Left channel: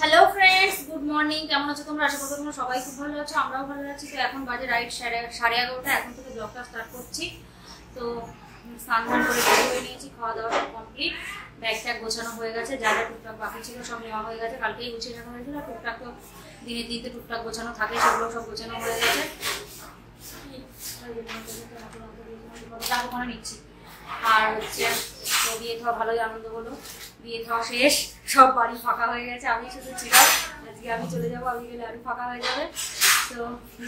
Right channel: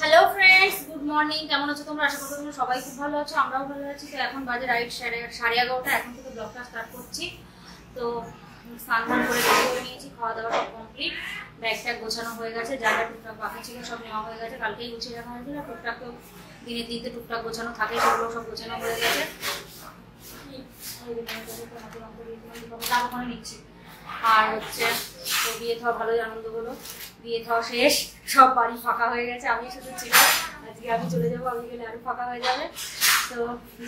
Hello friends, good morning. কেমন আছো তোমরা? আশা করি তোমরা সবাই খুব ভালো আছো, আমরাও ভালো আছি। তো এখন বাজে রাইট 11:30। এখন থেকে ব্লগটা স্টার্ট করছি। তো স্নান ধান করে রেডি হয়ে নিয়েছি, খাওয়া দাওয়া সব কমপ্লিট, ব্যাগ ট্যাগ গোছানো হয়ে গেছে, যা যা টুকটাক বাকি ছিল সব নেওয়া হয়ে গেছে, কালকেই গুছিয়ে রাখা হয়েছিল। টুকটাক তো দিনের দিনতে টুকটাক গোছানো থাকে, সেগুলো সব গোছানো হয়ে গেছে। ওখানে নিচ্ছি। আর হচ্ছে তো বিয়ে খাওয়া ভালোই আনন্দ হলো, বিয়ে খাওয়া শেষ, সব বাড়ি ফাঁকা হয়ে গেছে, আমি শুধু ছিলাম। আজকে আমি চলে যাবো, আমি গেলে আরো ফাঁকা হয়ে যাবে। তো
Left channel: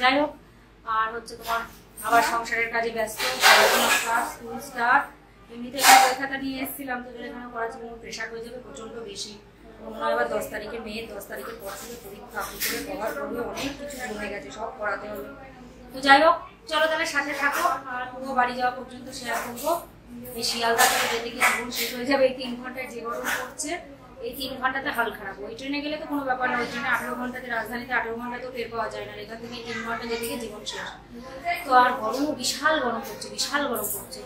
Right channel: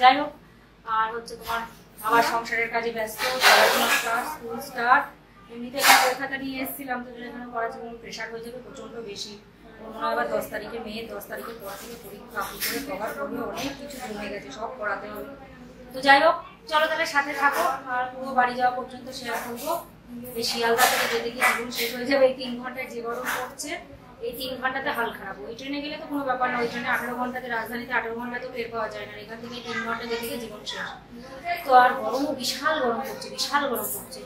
যাই হোক, আর হচ্ছে তোমার আবার সংসারের কাজে ব্যস্ত, পড়াশোনা স্টার্ট, স্কুল স্টার্ট। এমনিতে এখানে বই খাতা নিয়ে এসেছিলাম, তো এখানে পড়াশোনার প্রেশার হয়ে যাবে প্রচণ্ড বেশি। মনে হয় এবার 10 তারিখে মেয়ের 10 তারিখের পর থেকে পরীক্ষা, আপনি করে কভার করবে, অনেক কিছু জমে গেছে, সব করাতে হবে। তো যাই হোক, চলো তাহলে সাথে থাকো, আর পুরো বাড়ি যাওয়া পর্যন্ত শেয়ার করবো। এই শিয়ালদা থেকে যেতে গিয়ে জীবন শেষ হয়ে যাবে। এই 3 ঘন্টায় যে গরম পড়ছে, এই 3 ঘন্টাতে হাল খারাপ। ওই ট্রেনে গেলে তো কোনো ব্যাপার না, ওই ট্রেনে 18 ঘন্টাতে, রাজধানীতে 18 ঘন্টাতেও টের পাওয়া যায় না। এখান থেকে 3 ঘন্টা যেতে গিয়ে জীবন শেষ। তো আর গরমও বিশাল গরম পড়ছে, বিশাল গরম পড়ছে।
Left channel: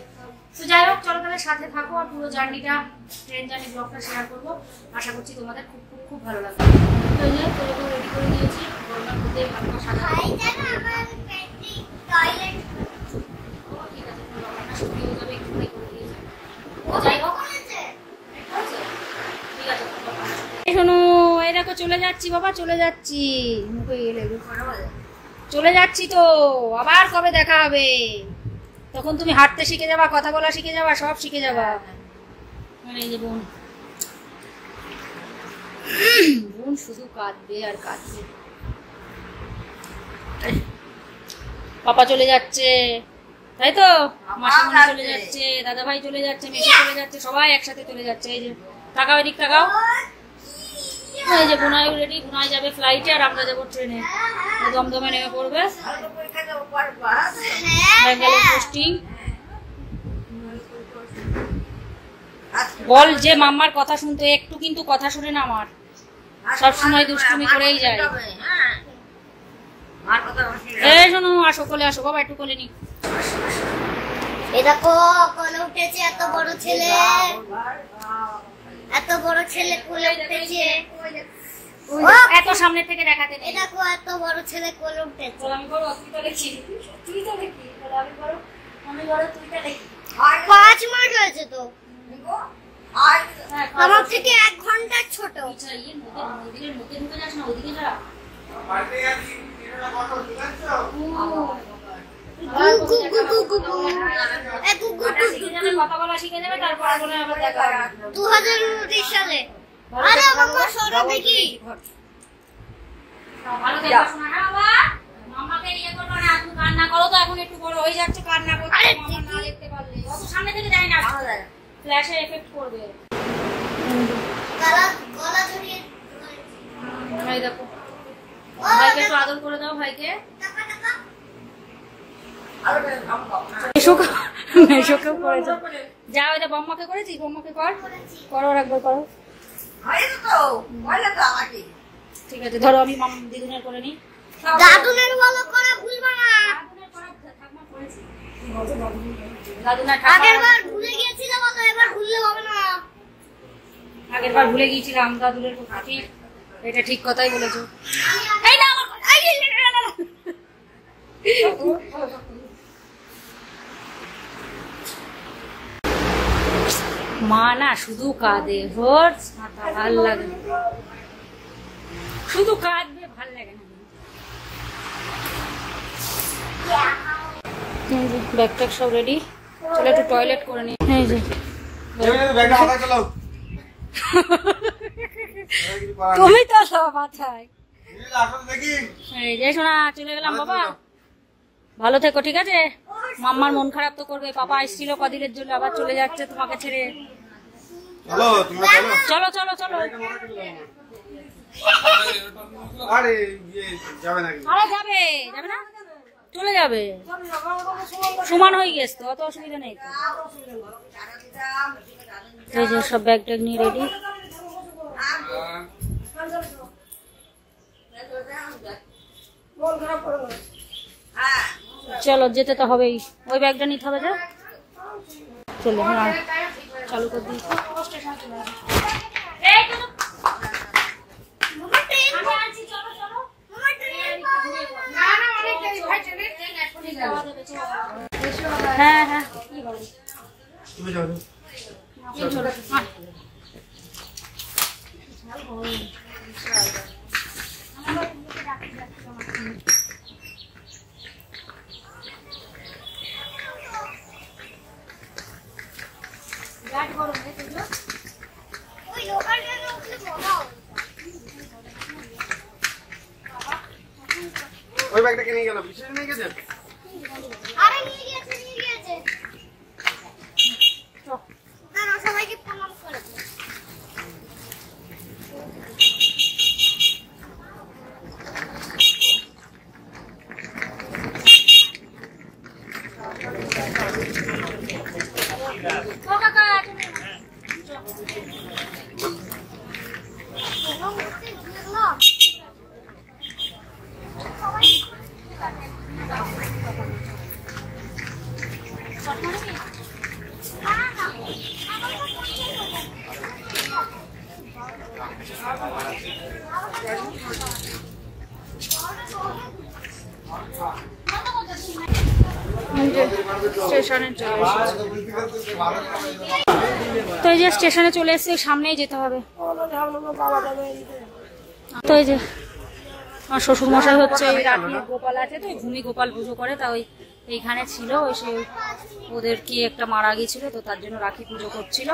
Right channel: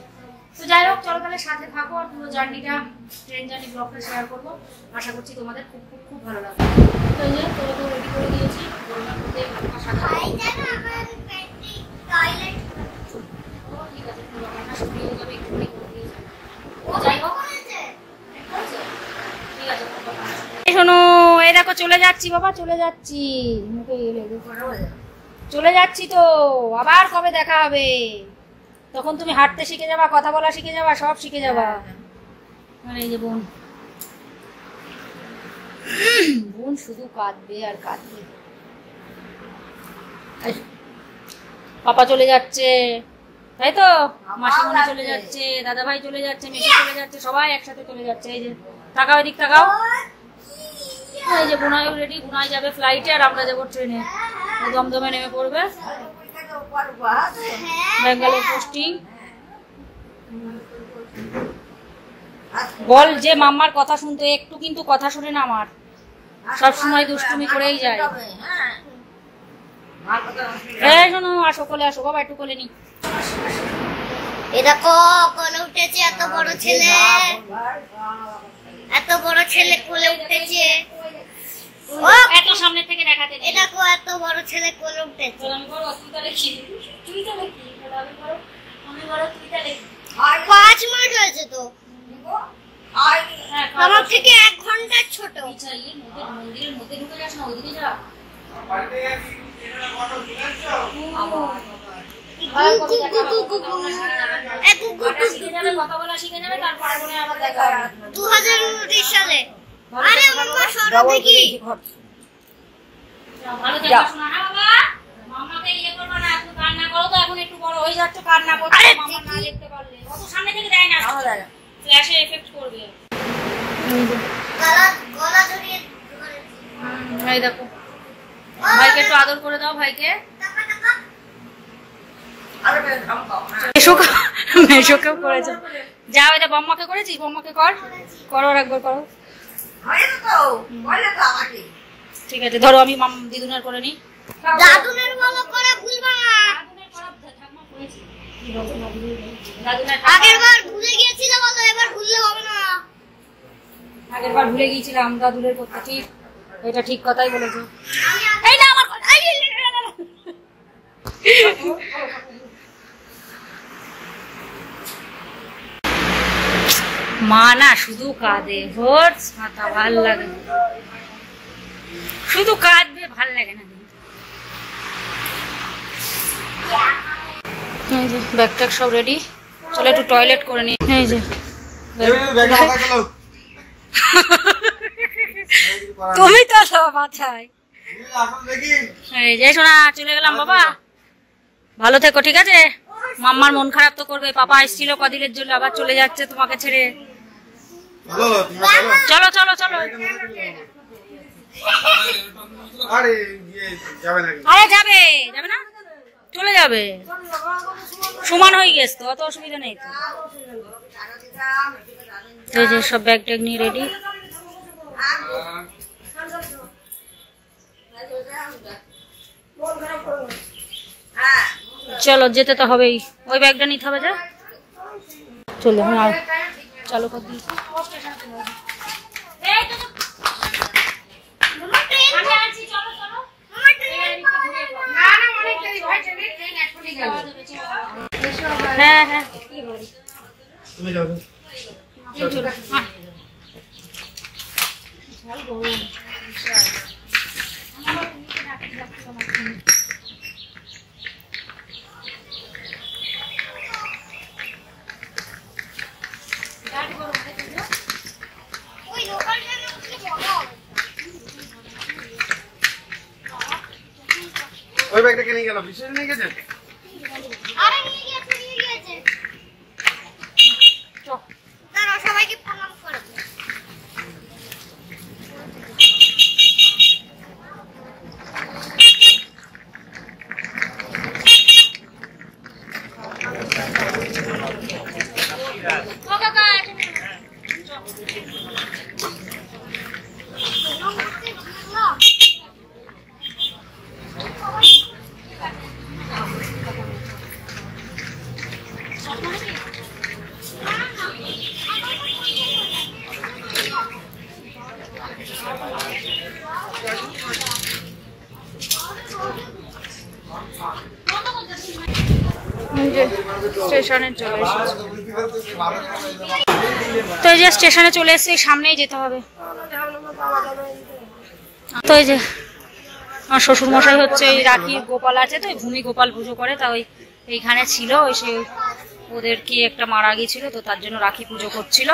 তো যাই হোক, চলো তাহলে সাথে থাকো, আর পুরো জার্নিটা, ট্রেন জার্নি ব্লগটা শেয়ার করবো। আশা করছি তোমাদের খুব খুব খুব ভালো লাগবে। তো এই যে তোকে রেডি করে দিয়েছি, গরমের মধ্যে ভাত খাওয়া ঠিক আছে, কোনো ব্যাপার না, শুকিয়ে যাবে, একটুখানি করে দিয়েছি। যাই হোক, ঠিক আছে। শোনো, এই দেখো চলে যাচ্ছি বাবা, চলে যাচ্ছি, মুখে এলে চলে যাচ্ছি। তো আবার কবে দেখা হবে? তখন তুমি হাঁটতে শিখে যাবা, কথা বলা শিখে যাবা, সব শিখে যাবা। মানে এই যে বোন, বোন শুধু কাঁদবে আর কাঁদবে। পাপা চলে যাচ্ছে, তাই তো? মাসিমণি চলে যাচ্ছে, দাদা ভাই চলে যাচ্ছে, মেসি চলে যাচ্ছে, সবাই একসাথে চলে যাচ্ছে। এই যে তাকাও, এদিক তাকাও। এই যে বুনাইও রেডি, বুনাই যাবে ফ্লাইটে, আর আমরা যাবো ট্রেনে। দমদমে নেমে পড়বে, ব্যাঙ্গালোর পোস্টিং। বল যে মাম্মার কথা শুনতে, একটু কিন্তু কথা শুনে না আমার, সব সময় দুষ্টুমি করেই যায়। এই শোনো, আসো, কোলে আসো বাবা, একটু কোলে নি। এটা কোলে উঠেছে, এত বড় ছেলে, এত বড় ছেলে কোলে উঠেছে। এত সামনে থেকে দেখাতে নেই। এটা এত বড় ছেলে কোলে উঠেছে। আমি বড়, তুই তো লিখি, তুই তো লিখি, আমি বড়, তুই তো লিখি। 5 মাস হয়েছে তো, আমার থেকে 1 ঘন্টা ছোট। মন্দিরের মধ্যে ঢুকে যাস না, ওইদিকে যা। কথা বলা শিখে যাবে, তারপর আবার দেখা হবে 2019 সালে। আরে মাম্মা সরো দেখি। ভালো দেখাশোনা না বাবা, মাম্মাকে ইয়ে করবা না, তুমি কান্না করো তো, এখন একটু বড় হয়ে যাচ্ছ, কান্না করছো, মাম্মা না দেখতে পারলে। অত সামনে থেকে দেয় না, ফ্ল্যাশে এফেক্ট করবে। গলা জড়িয়ে ভাই দেখো, ভাইকে একটু আদর করে দাও, ভাইকে। মেশোকেও করেছো, যাও। এটা বম্মাকে করেছিস, বম্মাকে কর, করো একবার, করো। ঠিক আছে, ধরো আমি দিদুনের করে নি। দাদুনের ভালো করে ভুলবা না। আগের বার ভুলে গিয়েছিলাম, বলো এবার ভুললে হবে না। আগের বার ভুলে গিয়েছিলাম দাদুরের করতে, ঠিক, এটা ঠিক কথাই বলেছো। এই না আমার কথা, মা না শুধু কাঁদে, ভোর মাথা ভাল লাগে, শুধু কাঁদবে, ভাল লাগে না। এই যে ব্যাগ ট্যাগ সব রেডি, চলো একটু টয়লেট করে নি। এই যে তুমি তো সব মাথায়। এই যে শোনা, চলে গেলাম বাবা, ভালো থেকো, ঠিক আছে? মাম্মার মন খারাপ তো করবে, পাপা এসেছিল কদিনের জন্য, আবার চলে যাচ্ছে তোমাকে ছেড়ে। চলো চলো চলো। আরে যাবে, যাবে না, চলে যাবে, সমান হয়ে গেছে তো, অত অসুবিধা নেই তো। এই যে সব ব্যাগ ট্যাগ নিয়ে রেডি। চলো, যেতে তো হবেই, ওই ব্যাগটা নিতে হবে। যা চলো, চালু করে দিয়েছি। হ্যাঁ হ্যাঁ তুমি যাও ওই লোকাল ট্রেনে উঠলে মজা হবে। ওই ব্যাগটা কে নিয়ে গেল? বিশেষ নিয়ে গেছে? আরে নিয়ে গিয়েছে। না সবাইকে প্রণাম করে দে। স্টেশনে চলে এসেছি। তো এই যে স্টেশনে চলে এসেছি, সামনেই যেতে হবে। তো এই যে আমার শ্বশুর মশাই হচ্ছে ওই রাখি গোপাল আছে, তো ভূমি গোপাল পুজো করে, তা ওই এইখানে ছিল, ওই সে ওদের কি একটা মারা গিয়েছিল, তো তার জন্য রাখি পুজো করছিল,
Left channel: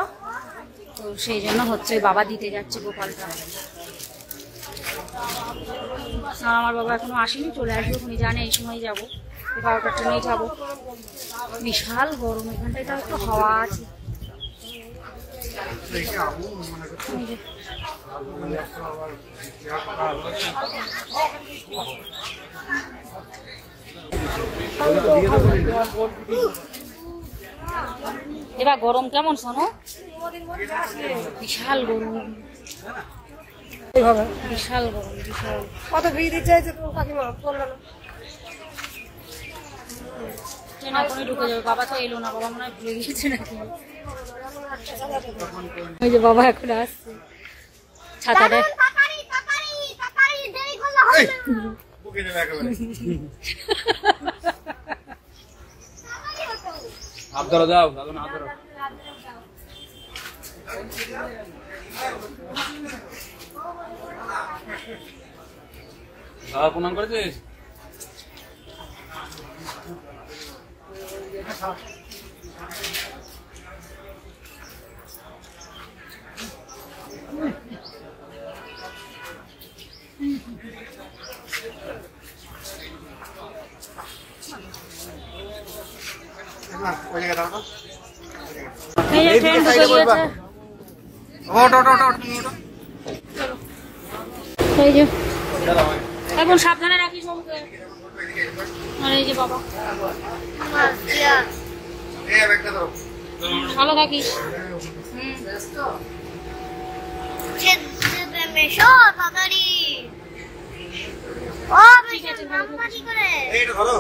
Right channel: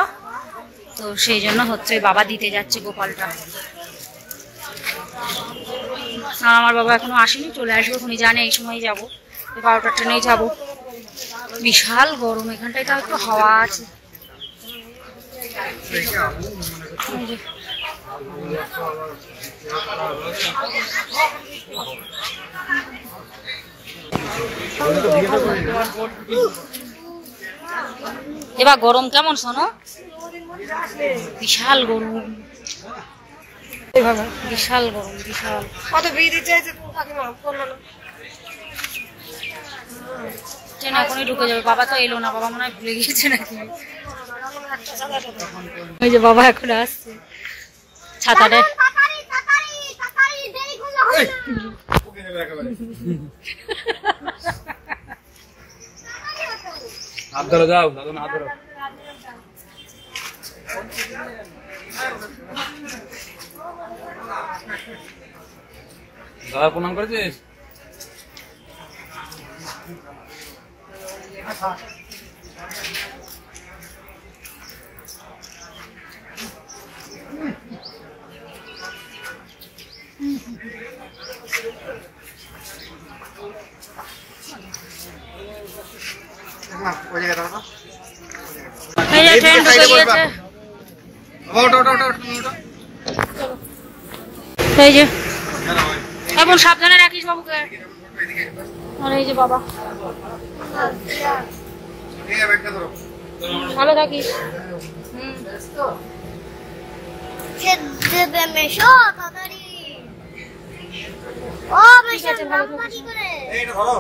তো সেই জন্য হচ্ছে বাবা দিতে যাচ্ছে গোপালটা। আর আমার বাবা এখনো আসেনি, চলে আসবে, উনি জানে এই সময় যাবো, 12টার ট্রেনেই যাবো। বিশাল গরম, এখানটায় তাও একটু হাওয়া আছে। এবার গরম কেমন শোনো? বিশাল গরম, বিশাল গরম, বিশাল। কত ভিড় চাইছে তোর কাকিমা বললো না। ট্রেন এখনই ঢুকে যাবে। বাবা তো এলো না, বাবা মনে হয় ভুলে গিয়েছে নাকি। ওই যে বাবা এখন আসছে ছাতাটা। আপনারা যাও, দাদা না ধরো। দাদা প্রণাম করেছিস? এই যে ট্রেন ঢুকে গিয়েছে। এই যে এখন সাবধানে রাখিস বাবুকে। আর এই যে বাবা, ভালো থাকিস। মেশো তাড়াতাড়ি। ও মেশো তাড়াতাড়ি করে। এইটা ধরো।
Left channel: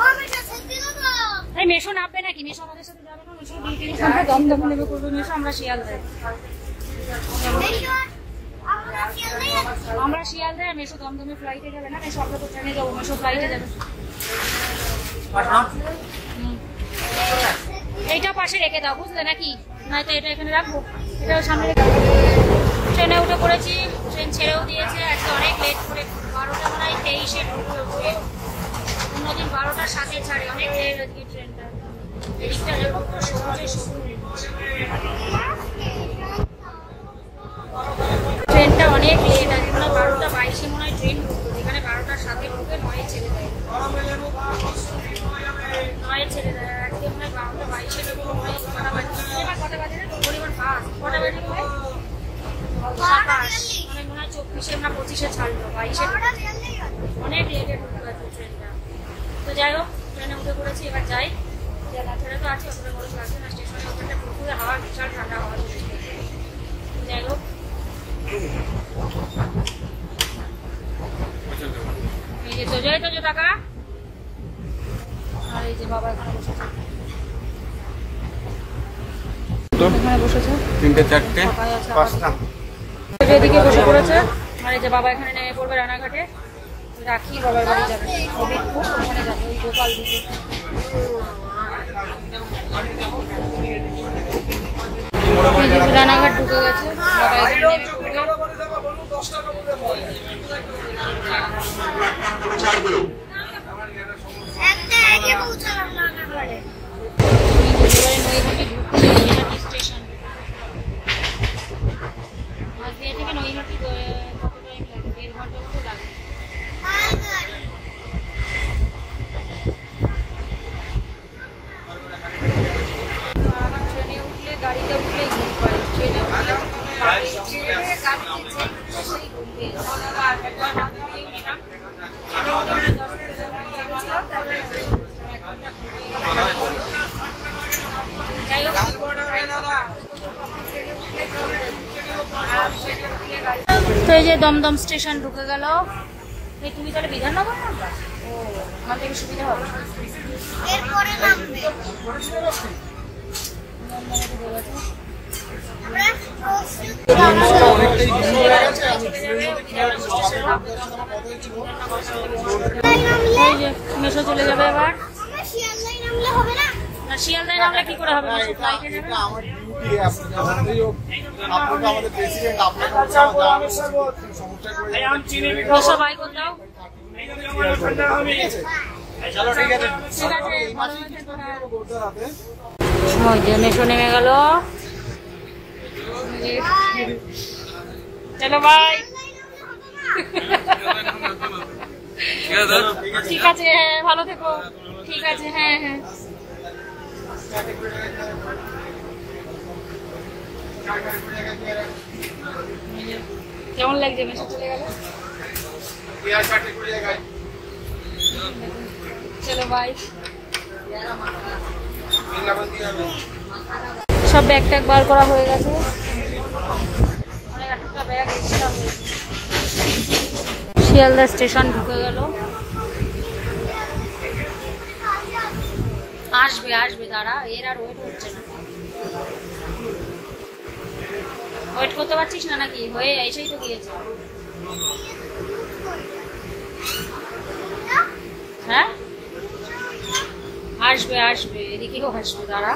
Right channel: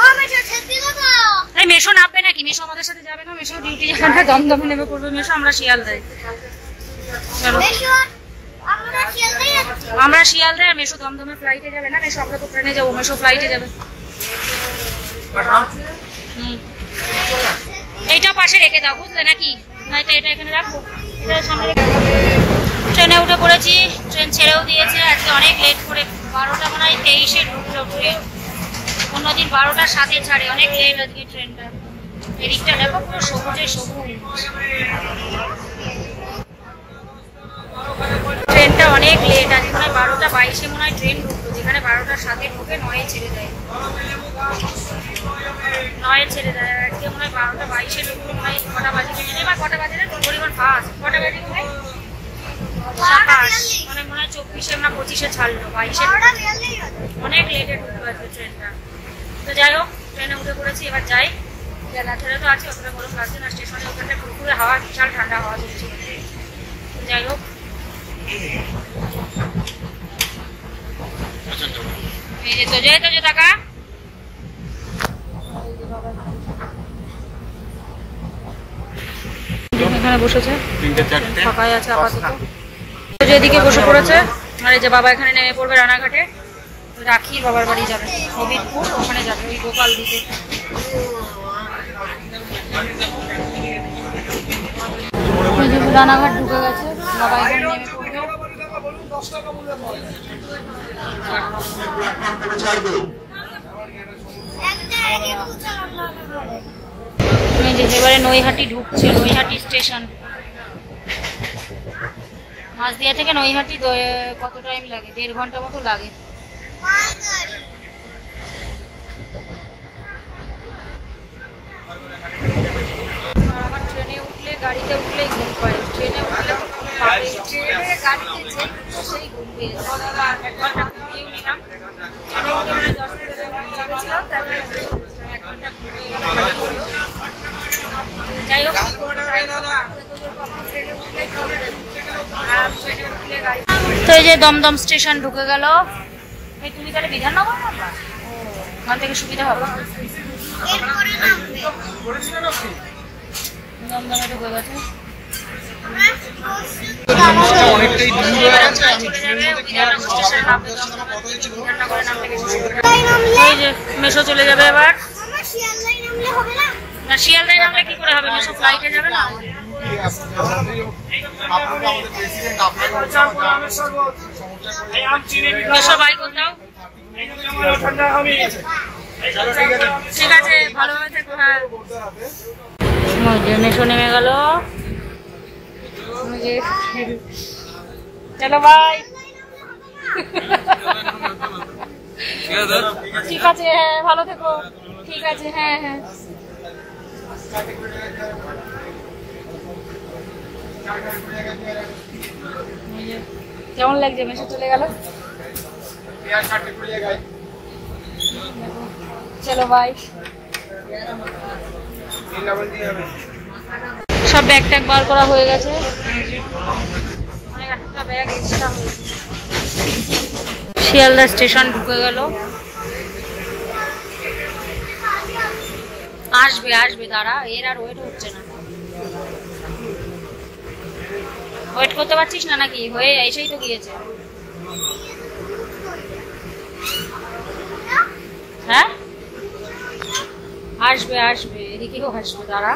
ও মেশো ছেড়ে দাও। এই মেশো নামবে নাকি? মেশো আমাদের সাথে যাবে না? মেশো ডিউটি যাবে না, দমদমে নেমে পড়বে মেশো। আমরা শিয়ালদায়। চলো আমরা শিয়ালদায়, আর মেশো দমদমে ফ্লাইটে যাবে না। মেশো আমরা তো ট্রেনে যাবো, মেশো ফ্লাইটে যাবে। এইটা পাশে রেখে দাও, বুঝলে নাকি? নয়তো এটা এখানে রাখবো, এটা সামনে রেখে। ট্রেনে উঠে পড়েছি, ট্রেন ছেড়েও দিয়েছে। আজকে অনেক লেট করে, 12টা মনে হয় 23-এ ঢুকলো ট্রেন। অন্যদিন 12টার 7-এ ছাড়ে, অনেক লেট আজকে ট্রেনটা। এদিকটা দেখো পুরো সবুজে সবুজ। ট্রেনটা অনেক লেট, আজ মনে হয় 12টা 22-এ মনে হয় ট্রেন ঢুকলো, যেখানে 12টার 7-এ ঢুকে 9-এ ছেড়ে দেয়। 9-এ ছেড়ে দেয়, আজকে মনে হয় 12টা 22-এ ঢুকলো। মনে হয় কটা বাজে বা কটা বাজে না, পরিমাণ ফাস্ট। কটা বাজে মনে হয় 27, মানে মনে হয় 24-এ না 25-এ ছাড়লো, 22-এ অনেক লেটে ঢুকলো আজকে ট্রেনটা। তো যাই হোক, ট্রেনে উঠে পড়েছি, এবার যাই। ঠেলে তো আছে, অতটা গরম লাগছে না। স্টেশনে ওখানটা পুরোপুরি হাওয়া, বিশাল ঠান্ডা হাওয়া চলছিল। যাই হোক, এই যে তো যে টাকা। আর এই যে বাবা এখানে বসেছে, ফাঁকাই আছে আপাতত। যেদিকে বসে পড়েছে। আর এই যে বাবা এখানে নেমে পড়বে রানাঘাটে। রাখি বাবার বাড়ি যাবে, হবিবপুর, ওখানে যাবে ওই গোপাল দিকে। রানাঘাট ঢুকে গেছে, বাবা এখানে নেমে পড়বে। এবারে নৈহাটি ঢুকছে, নৈহাটি স্টেশন। মাঝদিয়া থেকে নৈহাটি কত টাইম লাগে? 1.5 ঘন্টা মতো লাগে। আমার ট্রেনে উঠলে, গাড়িতে উঠলেই ঘুম পায়। ট্রেনে উঠলে তো ঘুম পাবে, ট্রেনে গাড়িতে যেই উঠছে সেই ঘুম পেয়ে যায়। 1 ঘন্টা ঘুমিয়েও নিলাম, ট্রেনে উঠে মানে 10 মিনিট লেগেছিলাম, তারপরে 1 ঘন্টা ঘুমিয়ে গেল, ভালো করলো। যাই হোক, তো এই যে দমদম স্টেশন ঢুকে গেল। এই তুমি তাহলে বিধাননগর নামবা? ওখান থেকে সুবিধা হবে। দমদমে ঢুকে গেছে। এই যে মেশো চলে যাবে এবার। না, শিয়ালদায় নামলে কি করে হবে? মেশো ফ্লাইটে যাবে না? মেশো বাই করে দাও। ঠিক আছে, ভালোভাবে থেকো। হ্যাঁ, ওই যে মেশো নেমে গেল। চলো বাই। ঠিক আছে, হ্যাঁ ভালো থেকো। ঠিক আছে, হ্যাঁ হ্যাঁ। কেমন লাগছে? মেসে চলে গেল। চলো বাই। সব ব্যাগ ট্যাগ বার করা হয়ে গেছে। অনেক একটা ব্যাগ এক্সট্রা হয়েছে। শিয়ালদা স্টেশন ঢুকে গেল। আসবে আসবে, দাঁড়া, এর আর ওয়েট হচ্ছে না। ওয়েট করতে পারছিস না নাকি? হয়ে এসেই তো গিয়েছে। হ্যাঁ, আসবে আসবে, এদিকেও আসবে, দাঁড়া।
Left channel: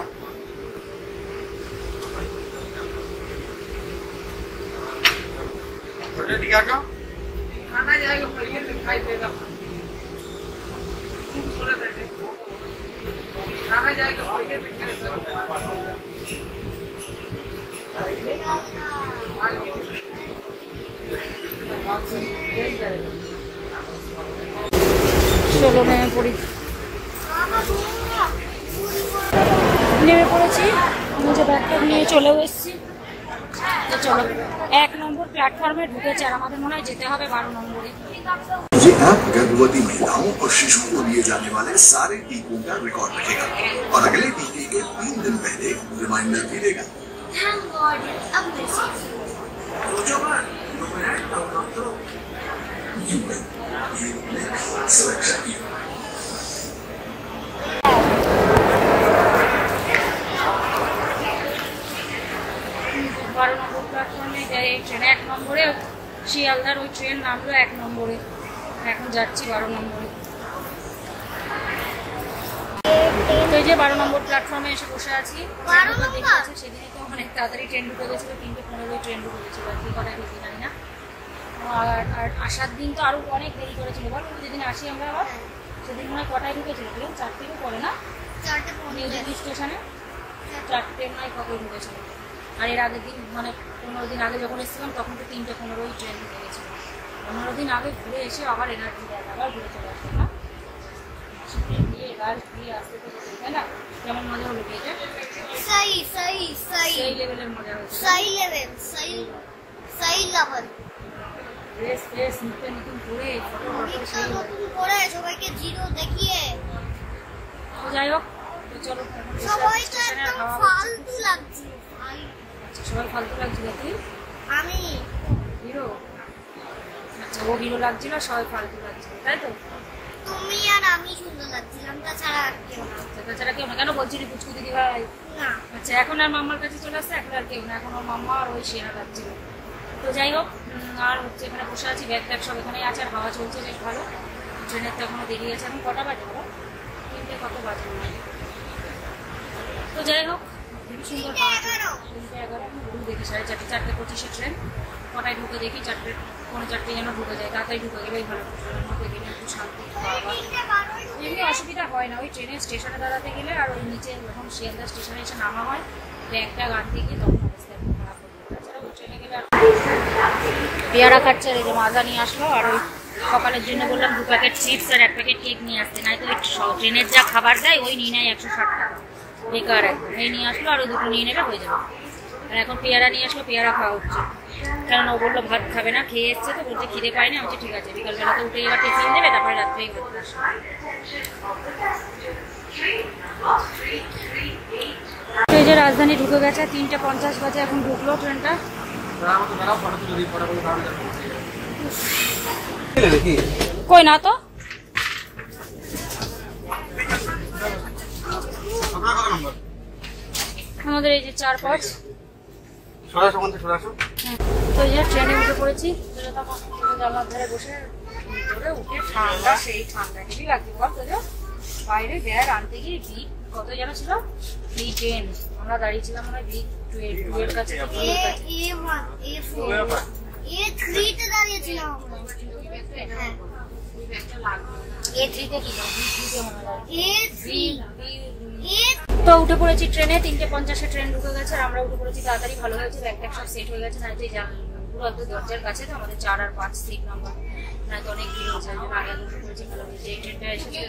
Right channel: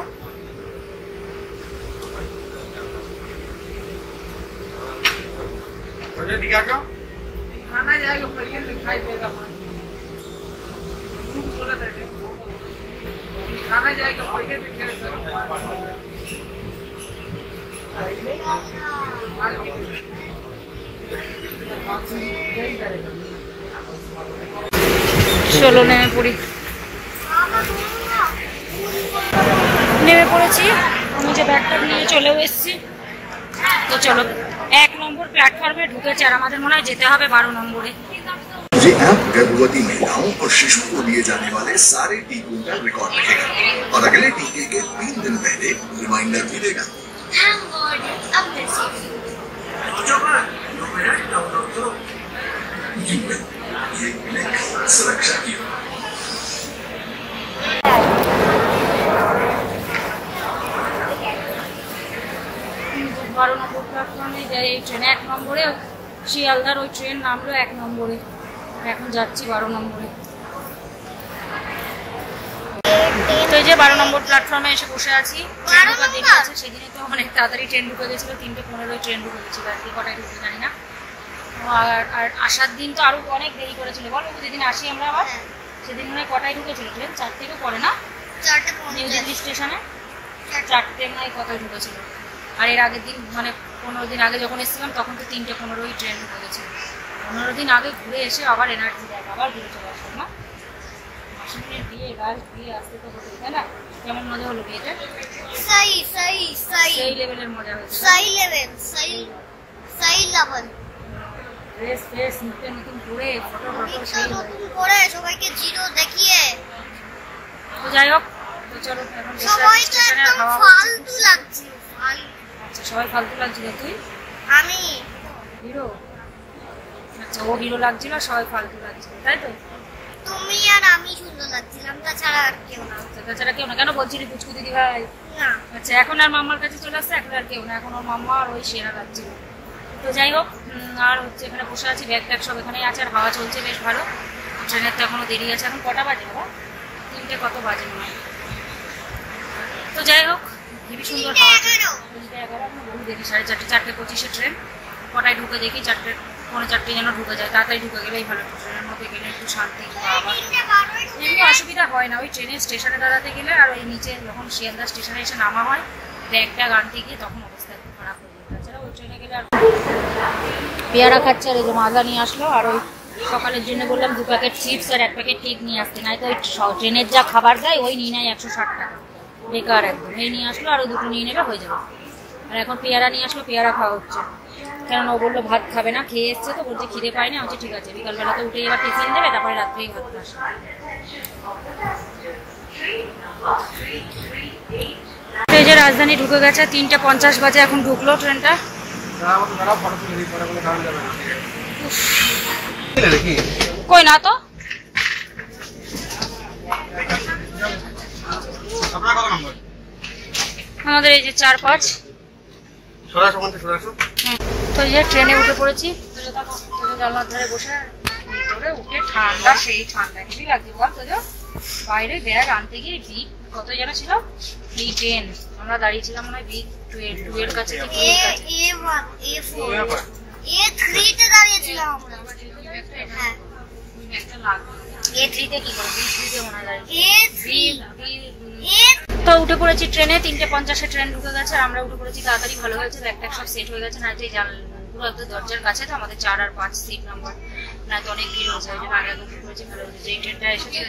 চলো নেমে পড়ি। নেমে পড়েছি, আমি যে ব্যাগটা নিয়ে চলেও এসেছি। তো চলো, 1 নম্বর প্ল্যাটফর্মে ঢুকেছে, আর আমাদের মনে হয় যেতে হবে 12 নম্বরে। ये ऐप गर्भवती महिलाओं और शिशुओं को लिए जाने वाले सारे टीकों का रिकॉर्ड रखेगा और अगले टीके के 3 दिन पहले रिमाइंडर भी देगा। सुरक्षा की 12 নম্বর প্ল্যাটফর্মে যাই। এই ট্রেনে 1 নম্বরে, শিয়ালদার ওই ট্রেন নামলো 1 নম্বরে। এখন যাচ্ছি 12 নম্বরে। তো এই যে 12 নম্বর প্ল্যাটফর্মে এসে বসে আছি। দেরি আছে, সেদিনে তো অনেক তাড়াতাড়ি ট্রেন ঢুকে গেছিলো, 3:15 ট্রেন ঢুকে গেছিলো। আর কি কটায় ঢুকে জানি না। আর আসার দিন তো আরো অনেক দেরি করেছিল। বলো, যেদিন আসি আমরা আবার, সেদিন মনে হয় কটায় ঢুকেছিল ট্রেন? 4টেরও পরে না? নিউ দিল্লি স্টেশনে 4টে মনে হয় কতই ঢুকেছিল। আর এর আগের দিন মানে 15 দিন আগে যখন এসেছিলাম তখন তো 3:15 ট্রেন ঢুকে গেছিলো। 15 দিন আগে ঘুরে এসে আবার এনার্জি দেয়, আবার ঘুরে চলে আসলো না। মাসিমের বিয়ে, রাজ বিয়ে আসতে তো হতো, তাই না? কেমন মজা হলো বিয়েতে? সেই লেভেলের মজা হয়েছে। ড্রেস ফ্রেস নতুন নতুন করে, ফটো সেই সবাইকে জিরো দেখিয়ে। তো যাই হোক, তো চলো এখন স্টেশনে খাওয়া ফালতু লাগছিল। আচ্ছা, সবাই ফালতু লাগছিল। তুই? আমি হিরো। আচ্ছা, ও হিরো লাগছিল, সবাই ফালতু লাগছিল, তাই তো? তুমি আর আমি সুন্দর লাগছিলাম, তাছাড়া আর কেউ না। আচ্ছা, তাছাড়া কেউ না? কেন বলছিলি পুচকু দিদি ভাই? না। আচ্ছা, এখন আর মাম্মার কাছে চলে আসছে, এখন আর কেউ না, এখন ওর মাম্মা আর ওই সেরা লাগছিল। তো যাই হোক, আর হচ্ছে এখানে বসে আছি, ব্যাগ ট্যাগ সব এখানেই আছে, আর হাওয়া চলছে বেশ ভালো। ট্রেনের তো এখনো দেরি আছে। এখন কটা বাজে বাবা? 3টে কত বাজে মনে হয়? তো যাই হোক হেবি সুন্দর হাওয়া। 11 দেখি 4:30 4:25 ট্রেন। কটায় ঢুকে দেখি 4:45 যেন ঢুকে যায়। তাড়াতাড়ি ঢুকে গেলেই ভালো, ট্রেনের মধ্যে গেলে একটু শান্তি। আবার এমনি অসুবিধা হয় না, ওই ট্রেনের স্টেশনে দাঁড়াতে গেলে আর ওই নিচে যখন শিয়ালদা স্টেশনে এসে নামা হয় ব্যাগটা আনতে গিয়ে তখন অবস্থা একটু খারাপ হয়ে যায়। তাছাড়া ওই ট্রেনে গেলে আর পেয়ারা খাচ্ছে। আর এই যে মাজা নিয়ে আসলো, আর ওই সকালের জন্য বললাম 2 প্যাকেট চিপস আর 1 প্যাকেট কেক নিয়ে আসতে, নাই তো ওই ট্রেনের যা খাবার দেয় ওই নিয়ে নেয় 160 টাকা, বেকার একদম। এই নিয়ে আসলো, আর ওই দুটো নিয়ে নেবে হয়ে যাবে। আর এখন পেয়ারা নিয়ে আসলো, পেয়ারা খাওয়া হচ্ছে। কেননা ও বললো ভাত খাবে না, খেয়ে এসছে তো, বলছে খিদে পায়নি। আমি বলছি ঠিক আছে, বিকালবেলা তো উঠে এবার টিফিন দেবে, তারপরে রাত্রেই ভাত আসবে। এই যে রাজধানী ঢুকে গেছে, 3:50 বাজে এখন ঢুকলো ট্রেনটা। কই না তো আমাদের এই যে 4-5 তো এই যে ট্রেনে উঠে পড়েছি। জানলার ধারে বসে ভিতরে উঠে ঠান্ডা, সেই ঠান্ডা হেবি লাগছে বল। তো বাইরে ব্যাগ আনতে গিয়ে বিগ কত যেন ছিল, B10 আমরা দাঁড়িয়েছিলাম মনে হয় B2 এর কাছে থেকে A3 দাঁড়িয়েছিলাম আমরা। হ্যাঁ A3 তে কি করে B3 তে মনে হয় A3 তো উঠে পড়েছি ট্রেনে। 3:50 ট্রেন ঢুকে গেছে আর আমরা উঠে পড়েছি তাড়াতাড়ি, ভালো হয়েছে। ব্যাগটা সব সেট হয়ে গেছে। না যে পুরো একদম দরজার কাছে তো আমাদের 4 আর 5 সিট নাম্বার, না তো অনেক ভিড় হয়েছে। ওই জন্য আগে উঠে পড়েছি, ভালো হয়েছে। যেই ট্রেনটা এসেছে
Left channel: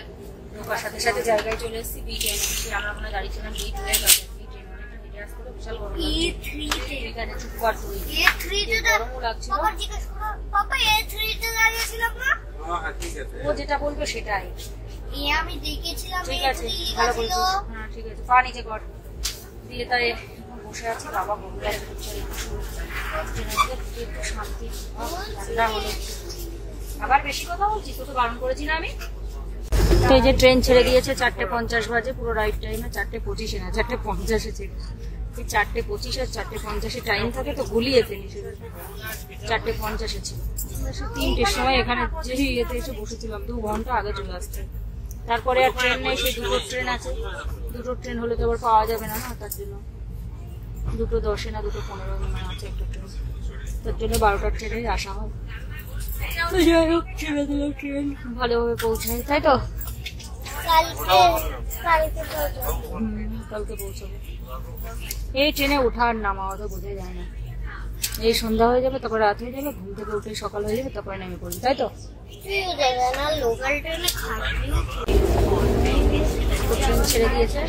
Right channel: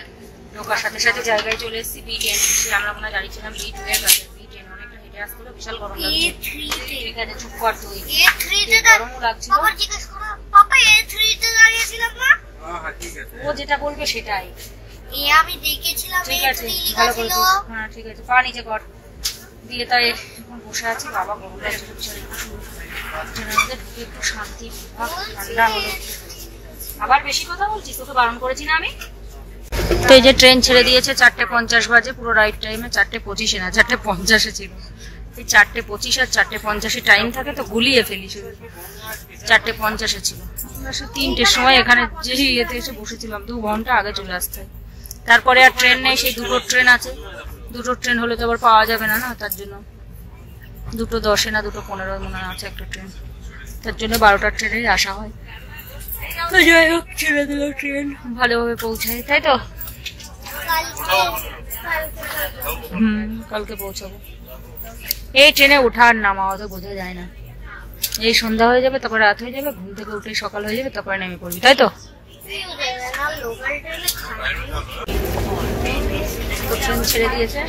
ঢোকার সাথে সাথে জায়গায় চলে এসেছি B10। আমরা মনে দাঁড়িয়েছিলাম B2 এর কাছে। B10 অনেকটা হেঁটে আসতে হলো, বিশাল গরম লাগছে। ঠিক আছে চুপ কর তুই। A3 তে গরমও লাগছিল। বাবা জিজ্ঞেস করো, পাপা A3 তে দাঁড়িয়েছিলাম না? ও যেটা বলবে সেটাই। আমি দেখেছিলাম। ঠিক আছে ভালো করেছিস। হ্যাঁ ঠিক আছে, পা নিচে কর দিয়ে। তাই এখন বসে আছি, বাবা গরম লাগছে। একটু শান্তি, ঠান্ডা হলো। আবার বেশি কথা বলছিস, তোকে বারণ করেছি না আমি? তো এই যে ট্রেন ছেড়ে দিয়েছে 4:50 বাজে, পুরো রাইট টাইমে। 4:25 না 4:50 ছিল। এই 4:25 আর 4:50 টাইম থাকে তো গুলিয়ে ফেলি শুধু। 4:50 ছিল। আমরা সে 3টের সময় এখানে যে ইয়েতে এসে বসেছিলাম, 2 ঘন্টা আগে চলে আসতে। তারপরে আর ট্রেন নেই, সেই 2টো ট্রেন আছে। 2টো ট্রেন হলে তো আবার পাওয়া যাবে না, না তার জন্য 2:10 না 2:15 মনে আছে একটা ট্রেন, তার জন্য 12টার ট্রেনেই আসা হয়। তো যাই হোক ছেড়ে দিল ট্রেন, ভালোভাবে পৌঁছায়, তাই তো? কালকে পৌঁছাবো। এই ট্রেনে ওঠা আর নামা অত বোঝা যায় না। এই সন্ধ্যা হয়ে যাবে, তারপর রাত হয়ে যাবে, ঘুম থেকে উঠে সকাল হয়ে যাবে, তারপরে নেমে পড়বি, তাই তো? ট্রেন ছেড়ে দিয়েছে।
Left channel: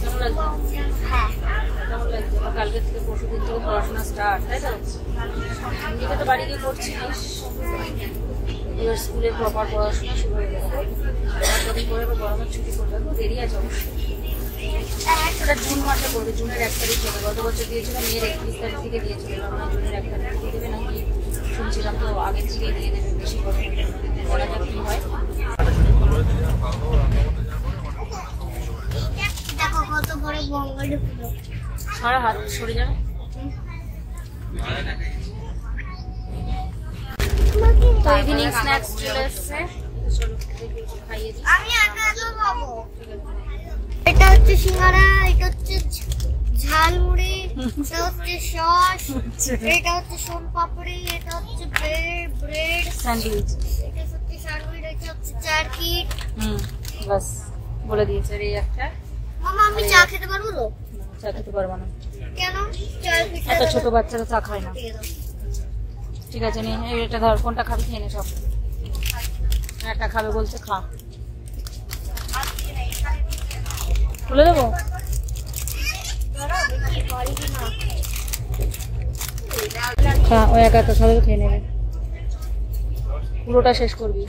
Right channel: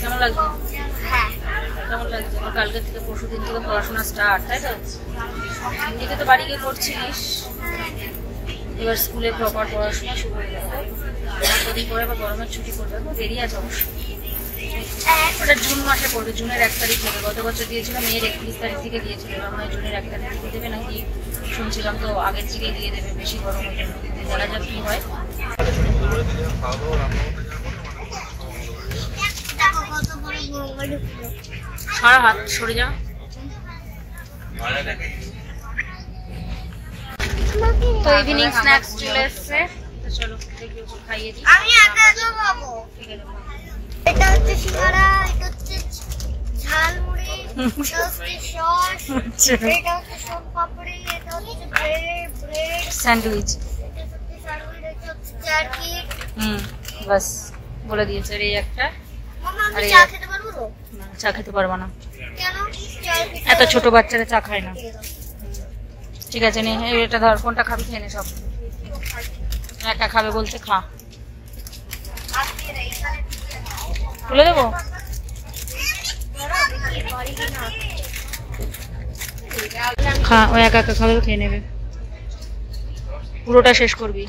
কেমন লাগছে? কেমন লাগছে? আমার কালকে থেকে পরশুদিন থেকে পড়াশোনা স্টার্ট, তাই তো? এমনিতে তো বাড়ি গিয়ে করছিস, এবার স্কুলে প্রপার পড়াশোনা শুরু হয়ে যাবে। কদিন পরে আবার গরমের ছুটি পড়বে, দেরি আছে অবশ্যই। ওটা জুন মাসে পড়বে, জুনের 1 তারিখ হবে। গত বছর দিয়েছিল মেয়ের 31 তারিখ থেকে দিয়েছিল, এবার মনে হয় জুনের 1 তারিখ থেকে দেবে নাকি শুনছিলাম, তো আগের থেকে দিয়ে দেবে, বেশি গরম হয়ে যাবে। দেখা যাক কি হয়। সারা হাত সরে যা। তো ইভিনিং স্ন্যাক্স চলে এসছে, চলো দেখি ওকে খাইয়ে দিই। আমি একা খাবো। ঠিক আছে, এটা হচ্ছে সিঙ্গারা, এটা হচ্ছে ঝালমুড়ি, এটা হচ্ছে সস, এটা হচ্ছে সোনপাপড়ি, এটা হচ্ছে ব্রেড স্যান্ডউইচ, এটা হচ্ছে স্যান্ডউইচ, এটা হচ্ছে চারকি। বাস বলে দিয়েছে। আর এই একটা। মামা আমি চা খেতে পারবো তো? না চা খেতে পারবো না। কেন? চারকি এত ছোট বাচ্চারা চা খায় না। ঠিক আছে নে, এটা ধর, কোনটা খাবি খেয়ে নে সব। একটা খাবে বলতে খা। তুলে দেবো? খা, ও একা একা খাবে, খেয়ে নেবে, পুরোটা শেষ করবি।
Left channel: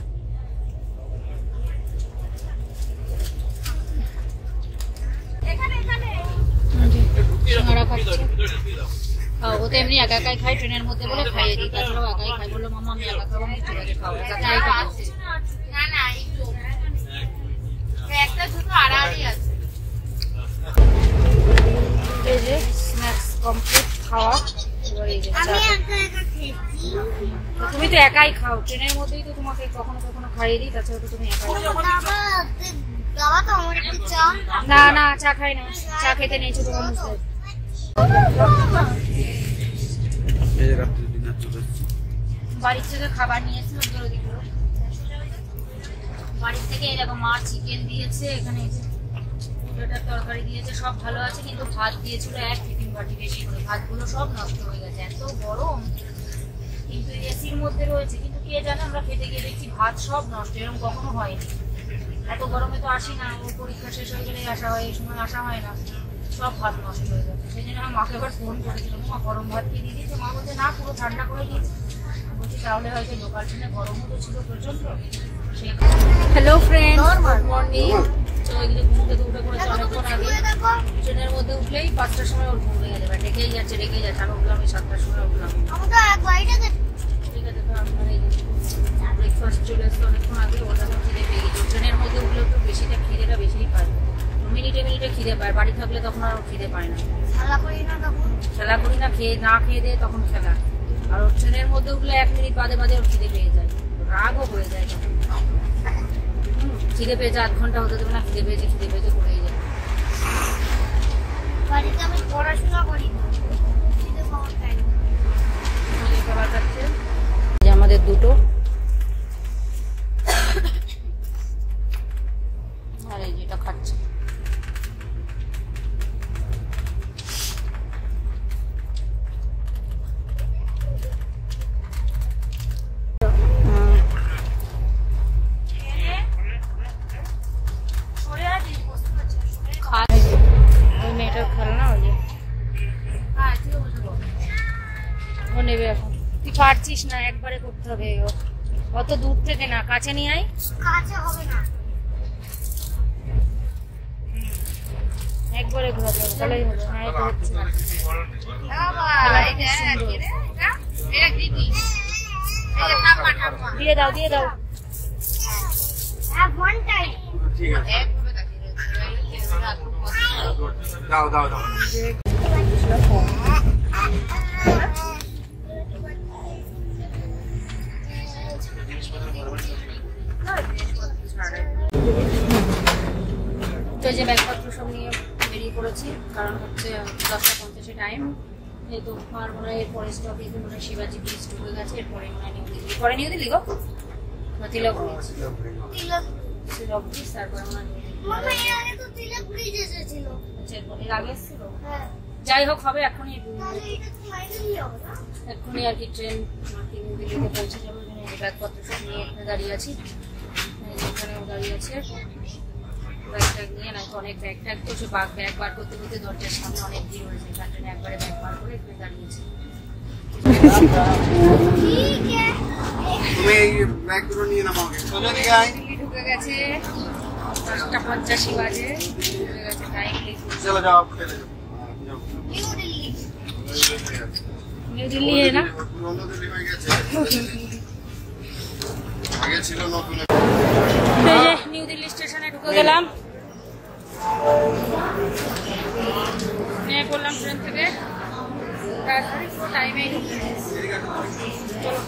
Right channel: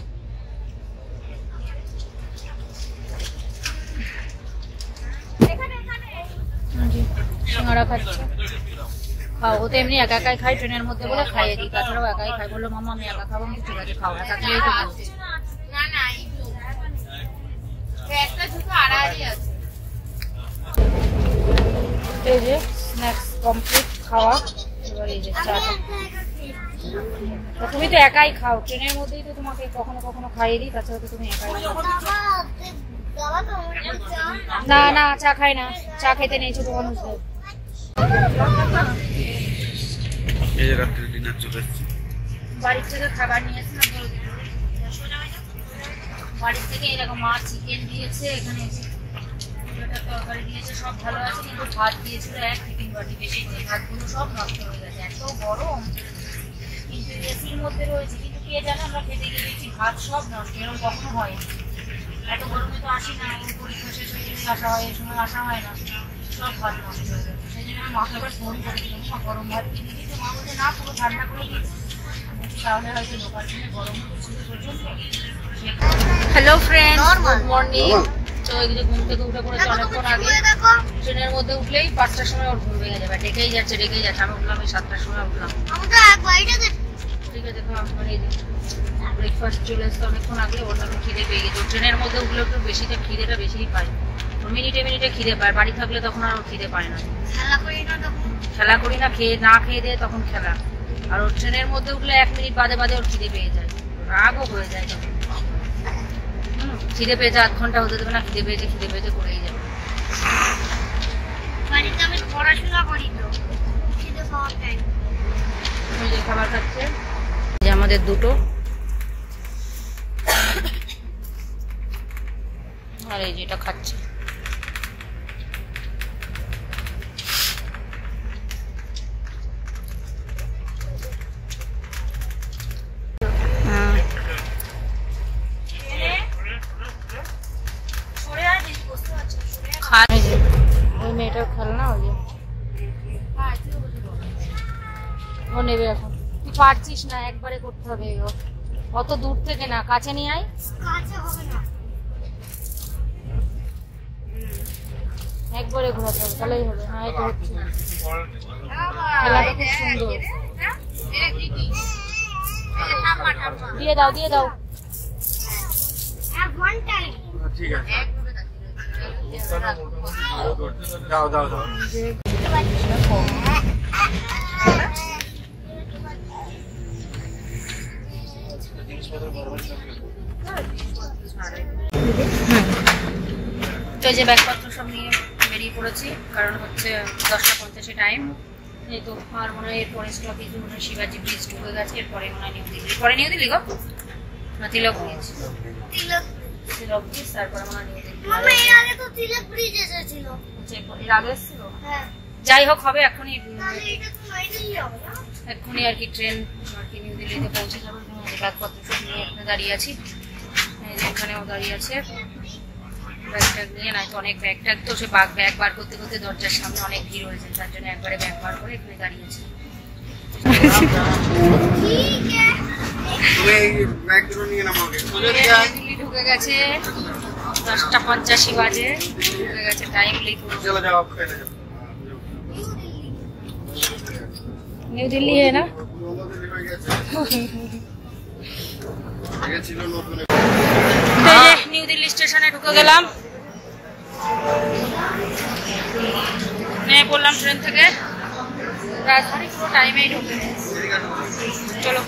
সিঙ্গারা খাচ্ছে, খাও। ও তো এমনি একা একাই খাই ট্রেনের মধ্যে বলে খাইয়ে দিই, তাছাড়াও একাই খাই। বললো মামা আমি একা খাবো, আমি ঠিক আছে খাও, একা খেলেই তো বলছি। এই যে স্ন্যাক্স কমপ্লিট খাওয়া, এবার এই যে চাটা। তুমি তো একাই খাও ট্রেনের মধ্যেই, তো তোমাকে কখনো কখনো খাইয়ে দিই, তাছাড়া তো তুমি একাই খাও। খাওয়া তো আমার একটু চা। না না চা খাই না, চা খেতে নেই ছোট মানুষদের। এই যে রাত্রে ডিনার চলে এসেছে। বাড়ির থেকে খাবার নিয়ে এসেছিলাম, বাড়ির থেকে এরকম মাছ চিকেন দিয়েছে, এখানে দুটোটার তরকারি দিয়েছে, সব ভালো আছে, কিন্তু ভাত দিয়েছিল এক টিফিন বাটি বেশি করে, ভাতগুলো সব নষ্ট হয়ে গেছে, এত গরম, কিন্তু এসির মধ্যে রয়েছে, কিন্তু কে জানে আমরা খেতে গিয়ে দেখছি ভাত সব নষ্ট, এরকম কখনো হয়নি, এত গরমে তো আসি না, পরীক্ষা শেষ হয়ে গেলে আসা হয়, এই সময় আসা হয় না, সব ভাত নষ্ট হয়ে গেছে, সেই জন্য মাকে আবার ফোন করেছিলাম, মা গরম ভাত দিয়ে দিয়েছে, মা বলছে না পুরো ঠান্ডা করে দিয়েছে, বলছি তাহলে হয়তো লোকাল ট্রেনে গরম তো ছিল প্রচন্ড। Hello friend, good morning. তো এগুলো ঘুম থেকে উঠে পড়েছে অনেকক্ষণ আগে, ট্রেনের মধ্যে উঠলেই 5টার সময় ওর ঘুম ভেঙে যাবে, ডেকেই যাচ্ছে, আমি উঠলাম এই 7টার সময় উঠলাম। ঠিক আছে, দেখো আমি ব্রেকফাস্ট চলে এসছে অনেকক্ষণ আগে, ওর জন্য খিদে পেয়ে গেছে, ট্রেনের মধ্যে উঠলে একটু বেশিটা খিদেটা বেশিই পায়, মিনিটে মিনিটে খিদে পায়, বাড়ি থাকলে তখন আর খিদে পায় না, খেলা করি না, খেয়ে দিয়ে তখন খেলা, আর ওর ট্রেনের মধ্যে উঠলে 1 মিনিট বাদে বাদে ওর খিদে পেয়ে যায়, রাগও হয়ে যায় তখন, খিদে পেয়েছে 8 ঘন্টা হতে দেবে না, খিদে পেয়েছে করেই যায়। বাড়িতে আমি পড়াশোনা করি না, খিদে পাওয়ার টাইম। খাবার খাচ্ছে যে আমাদের দুটো, আর এই যেটা খাচ্ছে, ওই মেয়েটার খেলনা, ওই যে ও নেবে এখন, তুই পারছিস না, একবারে করতে হবে, অত দূর থেকে না, কাছে নিয়ে আয়, কাছে হবে না, একবারে ঘোরাতে হবে, তাহলেই হবে। হ্যাঁ এটা হচ্ছে, খেলাটা খুব সুন্দর, দিয়ে দাও ওয়ান টাইম। ঠিক আছে, দাও। তো যে ব্যাগপত্র সব নিয়ে বেরিয়ে পড়েছি, কারণ হচ্ছে 10:50 টাইম, এই তো আর মনে হয় এরপরে স্টপেজ মনে হয় শিবাজি ব্রিজ ঢুকে গেছে, এরপরে মনে হয় নিউ দিল্লি গো না তিলক ব্রিজ, তারপরে মনে হয় নিউ দিল্লি, মামা এর আগে তো তিলক ব্রিজ এসেছিল, এর আগে এসেছিল, হ্যাঁ যাই হোক হবে, এখনই তাহলে এটা তো ফাইনালি হবে না, এক্ষুনি আর কি ট্রেন আর কি নিউ দিল্লিতে পৌঁছে যাবে, ব্যাগপত্র সব নিয়ে এখানে দাঁড়িয়ে আছি, এখানেও দাঁড়িয়ে আছে, ব্যাগ ট্যাগ নিয়ে, নাই তো অনেক ব্যাগ ট্যাগ, তো সে ব্যাগ বার করতে করতে দরজার সামনে অনেক ভিড় হয়েছে, তার জন্য একবারে ব্যাগ বার করে এখানে দাঁড়িয়েছে। দিল্লি ঢুকে গেছে, 10:85 বাজে ঢুকে গেছে, টাইম নিউ দিল্লি है ना, নিউ দিল্লি স্টেশনে ঢুকে গেলাম, নেমে পড়লাম ট্রেন থেকে, রাজধানী পুরো টাইমেই ঢুকে, চলো।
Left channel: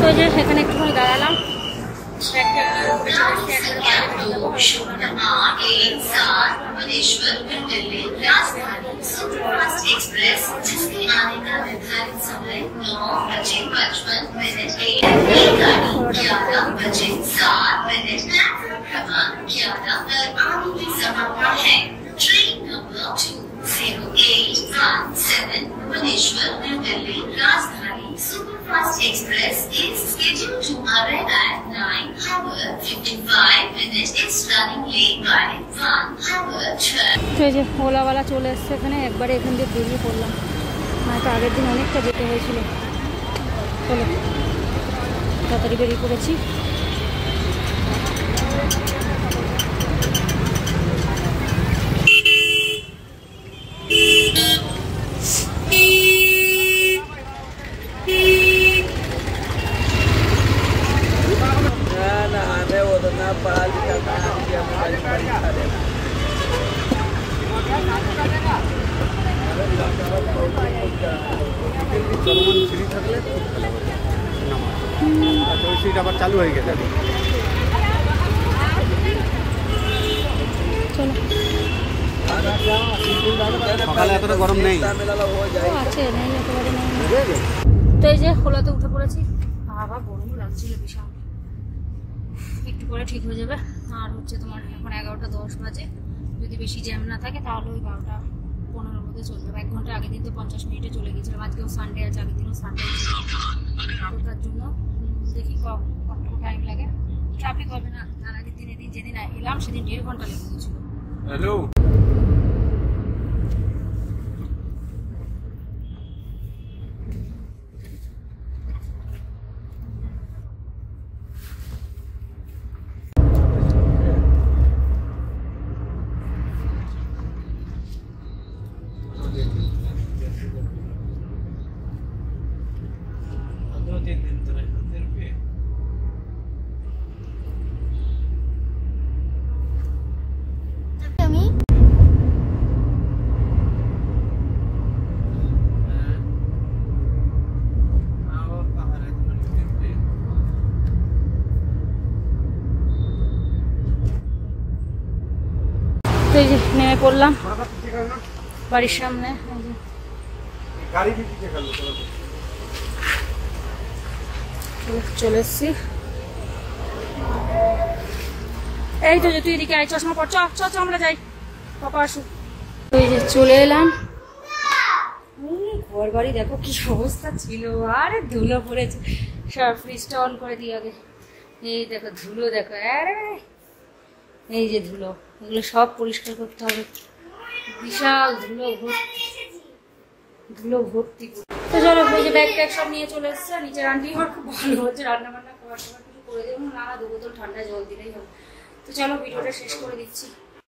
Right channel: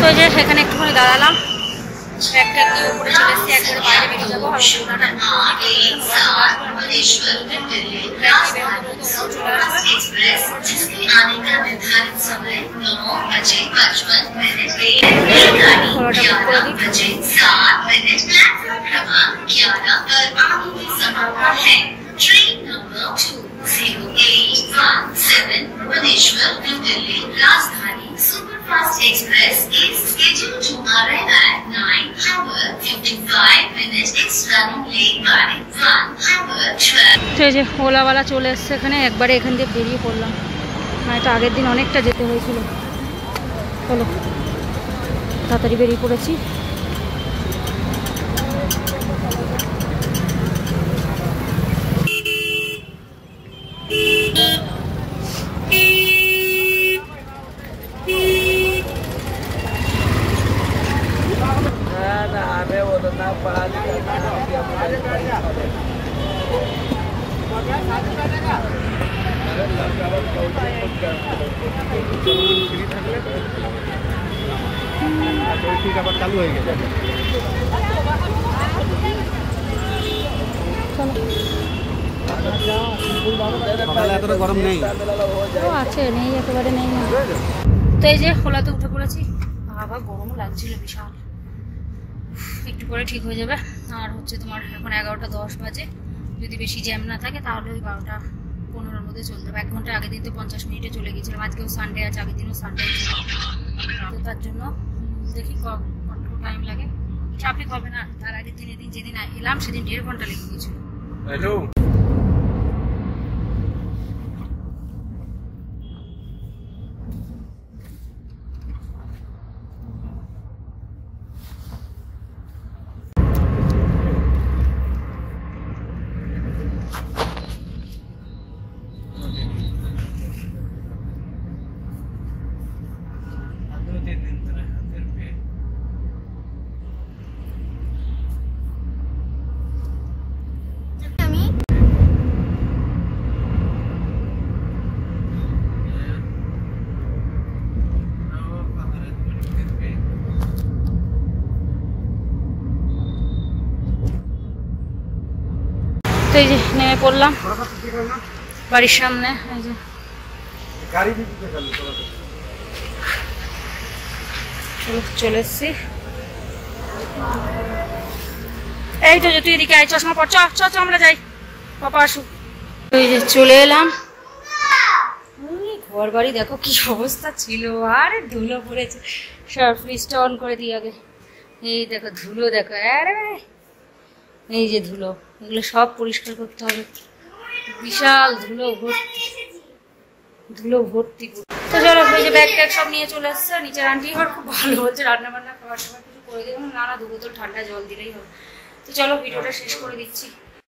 তো যে সেখানে একটুখানি দাঁড়ালাম, ব্যাগটা নিয়ে উপরে চলে এসেছি, একবারে বাইরে বেরিয়ে যাবো, আর Train number 20817 Bhubaneswar, New Delhi, Rajdhani Superfast Express is scheduled to arrive at 9:55. It's running late by 1:12. তো এই যে ওলাওয়ালা চলে এসছে এখানে, একবারে এখান দিয়ে বেরিয়ে পড়লাম, মানে তো আগের দিন অনেকটা যেতে হয়েছিল, চলো তাড়াতাড়ি বেরিয়ে পড়েছি। আবার চালু হয়ে গেছে। চলো। সকালে এতটা গরম নেই। ও আছে, নেই একেবারে নেই না। তো এই যে খোলাতে উঠে পড়েছি। বাবা গরমও লাগছিল বিশাল। একটু পরে ঠিক হয়ে যাবে। আর হচ্ছে তোমার এখন 11:10 বাজে। যদি বেশি জ্যাম না থাকে তাহলে ওই 12:15 মধ্যে চলে যাবে। 1 ঘন্টা আগের দিন তো 50 মিনিটে চলে গেছিলাম। আজকেও সানডে আছে, আগের দিনও সানডে ছিল, তো তার জন্য দেখি কতটুকু টাইম লাগে। ট্রাফিক হবে না। তার আগের দিন যেদিন এলাম সেদিন 1.5 ঘন্টা লেগে গেছিল। হ্যালো, আমি তো এই যে নেমে পড়লাম বাড়ির সামনে। এই যে চলে এসছি। এই তো যে তুই এদিকে আয়, চশমা পর, চ আমরা যাই, পাপা আসুক। ওই যে চলে এলাম। ঘর বাড়ি দেখো কি অবস্থা ছিল, আরে ধুলো পড়েছে। সব ফ্রিজটা অন করে দিই আগে। এই দেখো ধুলো, দেখো আরে এই যে ধুলো, এগুলো সব পরিষ্কার করতে হবে। বিশাল ধুলো ভর্তি। তো চলো, ওই যে ব্যাগ ট্যাগ সব নিয়ে চলে আসছে। নিচের আন্টি এবার খুব ভালো হচ্ছে, রান্না বান্না খাবার টাবার কিছু করে দেবো না, 2 বোতল ঠান্ডা জল দিলেই হবে। তো চলো ভিডিওটা শেষ করে দিচ্ছি।